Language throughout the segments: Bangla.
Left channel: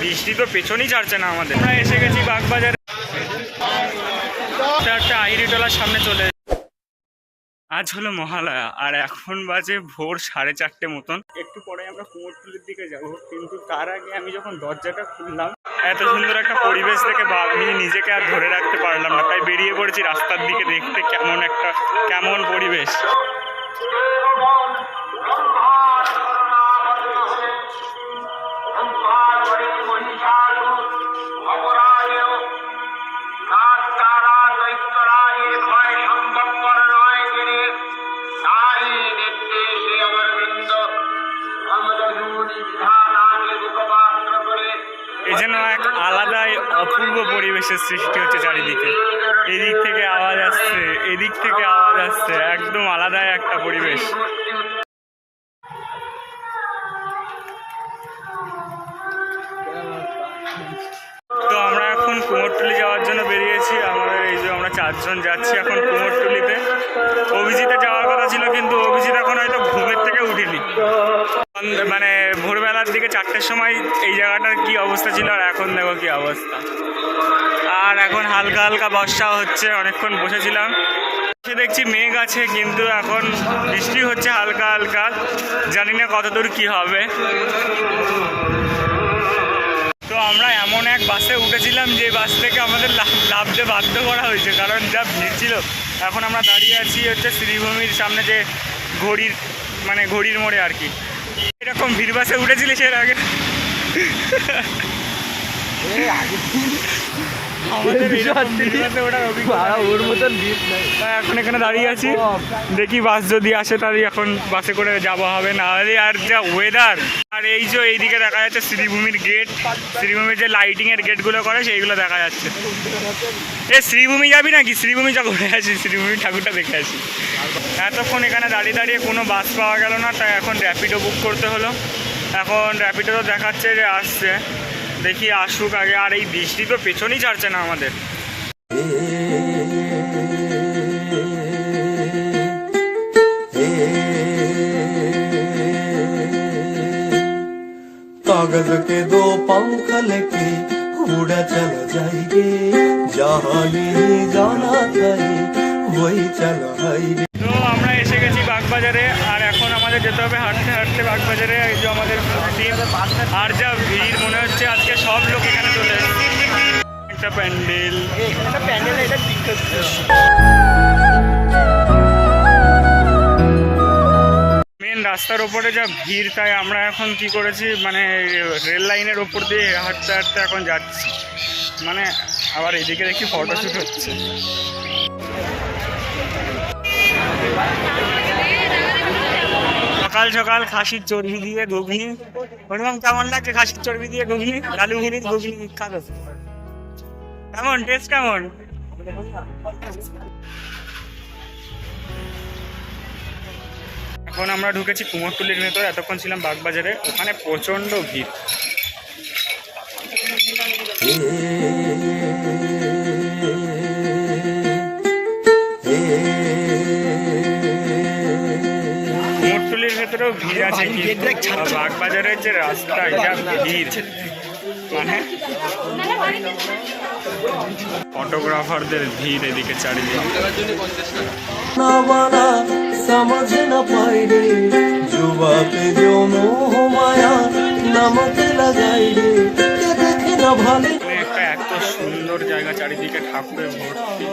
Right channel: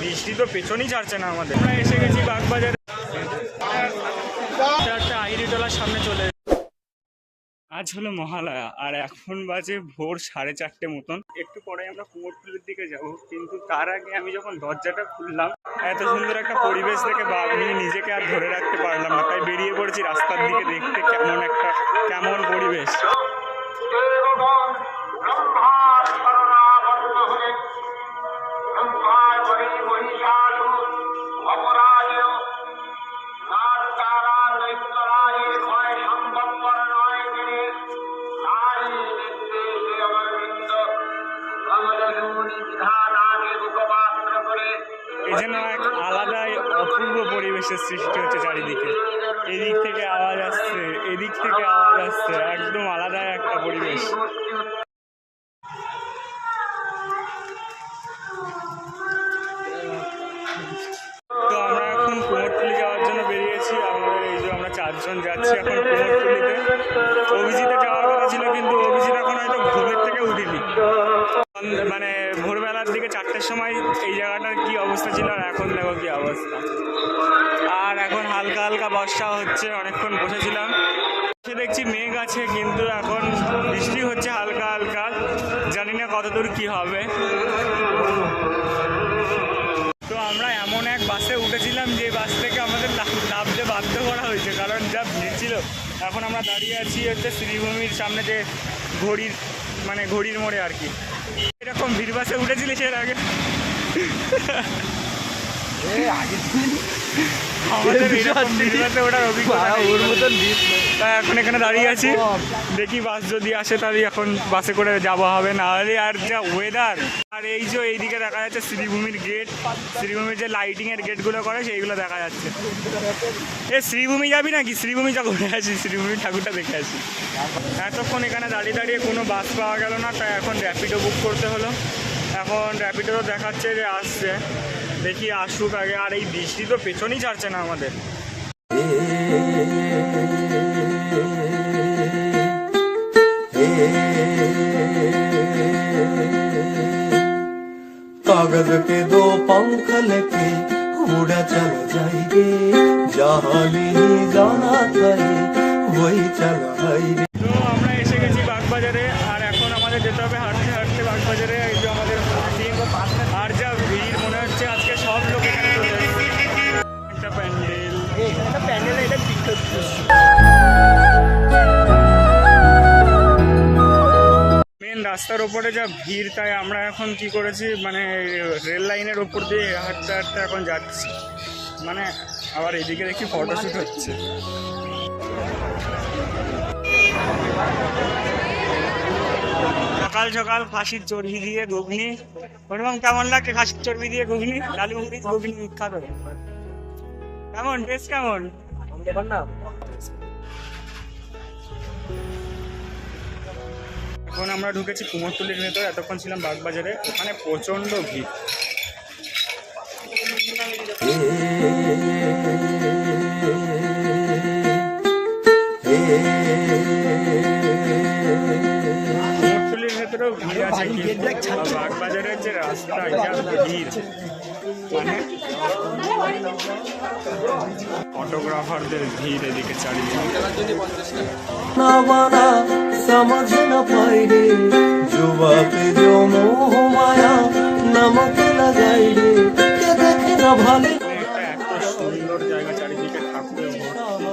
বৃষ্টি তো পেছনেই ছাড়ছে না আমাদের। আমরা এসে গেছি বাগবাজারে, একটা আহিরিটোলার সামনে চলে। আজ হলো মহালয়া আর এখন বাজে ভোর 4:30 মতন। একটু পরে আমরা কুমোরটুলির দিকে যাব, কিন্তু তার আগে আমি যখন দরজাটা খুললাম এত সুন্দর একটা পরিবেশ দেখে আমি নিজেকে আর ধরে রাখতে পারলাম না, তাই বেরিয়ে পড়েছি রাস্তার দিকে দেখতে কেমন পরিবেশ। এই যেন এক আলাদাই অপূর্ব পরিবেশের সৃষ্টি হচ্ছে চারিদিকে। এদিক থেকে আওয়াজ আসছে, এদিক থেকে আওয়াজ আসছে, একদম আলাদাই একটা পরিবেশ। তো আমরা এখন কুমোরটুলি যাওয়ার জন্য বেরিয়েছি। আমাদের এই যে আমরা 4 জন যাচ্ছি এখন কুমোরটুলিতে। অভিজিতে যাওয়ার কথা ছিল, কিন্তু অভিজিৎ এখন হয়তো ঘুমের থেকে উঠিনি। মানে ভোরবেলার দিকে 4টের সময় এই জায়গাটার কি অবস্থা ছিল, আর এখন দেখো কি অবস্থা। আর এখন হালকা হালকা বর্ষা হচ্ছে। অনেকক্ষণ বসেছিলাম, সে দেখছি মেঘ আছে, কিন্তু এখন বৃষ্টি হচ্ছে হালকা হালকা। জানি না কতদূর কি হবে। তো আমরা এমন এক বাসে উঠেছিলাম যে বাস থেকে আমাদের নামতে বাধ্য করা হয়েছে, কারণ যা ভিড় ছিল। এখন আমরা দাঁড়িয়ে আছি হচ্ছে শ্রীভূমির সামনে, যে ঘড়ির মোড়ে আর কি। এরকম ভিড় বাসে উঠেছিলিস এর আগে? এখন এখানে দাঁড়িয়ে আছি, দেখি বাস যদি আসে তাহলে এখন বাসে করে যাওয়া হবে, না হলে আর যা ওয়েদার। আর এই যে এইদিকে দেখা যাচ্ছে শ্রীভূমির গেট, শ্রীভূমির যে লাইটিং এর গেটগুলো করে সেইগুলো দেখা যাচ্ছে। শ্রীভূমি যাবি নাকি? শ্রীভূমি যা ঘুরে আসি, শ্রীভূমি ঠাকুরটা দেখে আসি। এতক্ষণ এখানে দাঁড়িয়ে দাঁড়িয়ে কোনো বাস পাওয়া গেল না, তাই এখন র্যাপিডো বুক করতে হলো। এখন র্যাপিডো তো দেখাচ্ছে যে আসছে, দেখি আসুক আগে। আর এই বৃষ্টি তো পেছনেই ছাড়ছে না আমাদের। कागज के 2 पंख लेके उड़ा चला जाएंगे, जहाँ नहीं जाना था वही चला जाएंगे। তো আমরা এসে গেছি বাগবাজারে, আর এখন আমাদের যেতে হবে হাঁটতে হাঁটতে বাগবাজারে। এই যে আমাদের আর যা ভিড়, মনে হচ্ছে আজকে সব লোক এখানে চলে এসেছে। একটা প্যান্ডেল, এটা মেন রাস্তার ওপরে যা ভিড়, তাই আমরা এখন কি করেছি, মানে রেল লাইনের ওপর দিয়ে হাঁটতে হাঁটতে এখন যাচ্ছি। মানে আবার এদিকে দেখি ফটোশ্যুট হচ্ছে। সকাল সকাল খাসির চর্বি দিয়ে ঘুগনি। ওরকম কেমন লাগছে খাসির চর্বি দিয়ে ঘুগনি? লালুঘুরির ঘুগনি বিখ্যাত। কেমন টেস্ট, কেমন? এখন আমরা ঢুকেছি কুমোরটুলির ভেতর। এতক্ষণ ছিলাম বাগবাজারে, ওখানে প্রচন্ড ভিড়। কুমোরটুলির ভেতরেও ভিড় আছে, কিন্তু বাগবাজারের যে রাস্তা, এটা ভিড়। মানে ফটোগ্রাফারদের ভিড় এদিকে চারিদিকে। समझ न पाई रे जुबा पे जो मोह माया नमक लगाई रे के देखे न भाले। একটা এত সুন্দর জায়গা, চারিদিকে ঠাকুরের ভর্তি।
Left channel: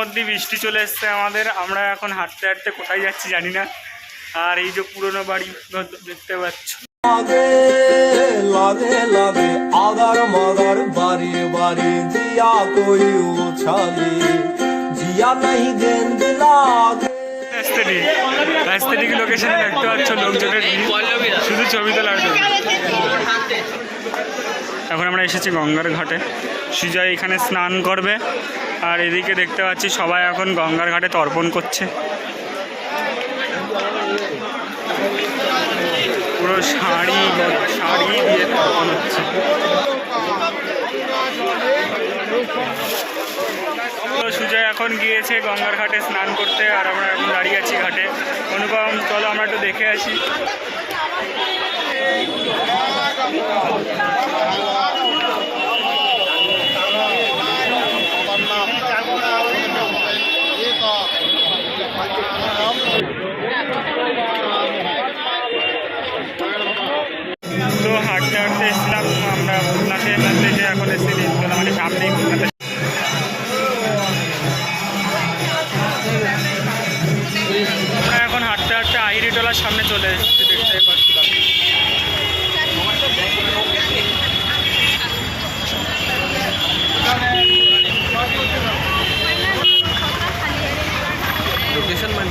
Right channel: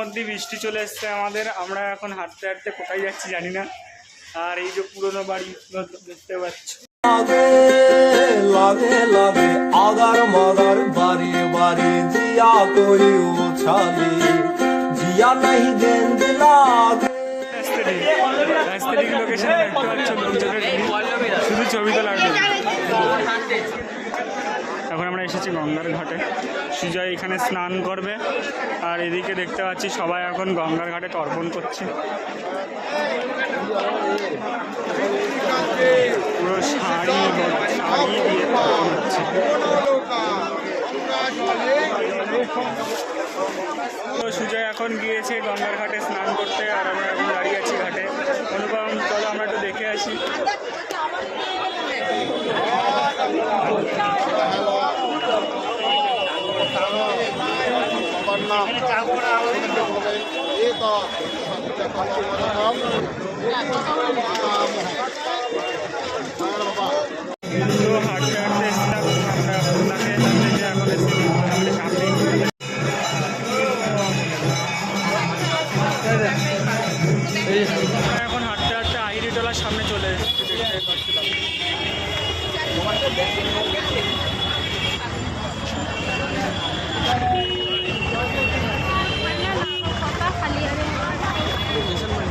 মধ্যে বৃষ্টি চলে এসছে আমাদের। আমরা এখন হাঁটতে হাঁটতে কোথায় যাচ্ছি জানি না। আর এই যে পুরনো বাড়ি দেখতে পাচ্ছ, लागे लागे लागे आगर मगर बारी बारी जिया कोई उछाली जिया नहीं देन दिलागे। রাস্তাটিক লোকেশনে দেখতে পাচ্ছ লোকজনের শুধু ছবি তোলার জন্য। এখন আমরা এসেছি গঙ্গার ঘাটে। সুজয় এখানে স্নান করবে, আর এদিকে দেখতে পাচ্ছি সবাই এখন গঙ্গার ঘাটে তর্পণ করছে। পুরো শাড়ি দিয়ে তর্পণ হচ্ছে। তো সুজয় এখন গিয়েছে গঙ্গার ঘাটে স্নান করতে, আর আমরা এখন দাঁড়িয়ে আছি ঘাটে। অনুপম, চলো আমরা একটু দেখে আসি। তো হাঁটতে হাঁটতে এসেছিলাম আমরা ভূতনাথে, যে এখন এসেছি নিমতলা, মানে সামনেই ভূতনাথে। আমরা এখন হাঁটতে হাঁটতে আহিরিটোলার সামনে চলে এসেছি, দেখতে পাচ্ছিলাম। লোকেশন মানে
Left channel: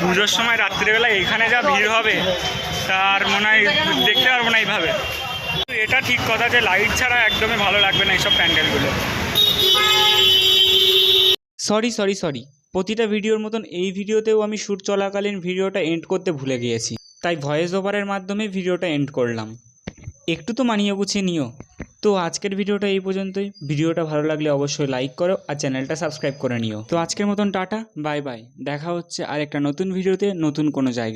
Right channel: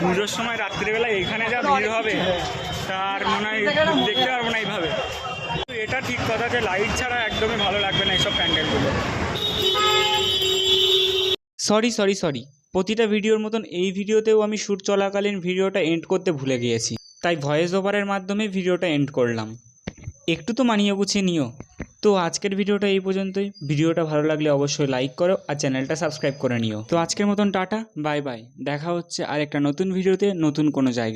পুজোর সময় রাত্রিবেলা এখানে যা ভিড় হবে তার মনে হয় দেখতে পারবো না এইভাবে। এটা ঠিক কথা যে লাইট ছাড়া একদমই ভালো লাগবে না এইসব প্যান্ডেলগুলো। সরি প্রতিটা ভিডিওর মতন এই ভিডিওতেও আমি শ্যুট চলাকালীন ভিডিওটা এন্ড করতে ভুলে গিয়েছি, তাই ভয়েস ওভারের মাধ্যমে ভিডিওটা এন্ড করলাম। একটু তো মানিয়ে গুছিয়ে নিও। তো আজকের ভিডিওটা এই পর্যন্তই। ভিডিওটা ভালো লাগলে অবশ্যই লাইক করো আর চ্যানেলটা সাবস্ক্রাইব করে নিও। তো আজকের মতন টাটা, বাই বাই। দেখা হচ্ছে আর একটা নতুন ভিডিওতে, নতুন কোনো জায়গায়।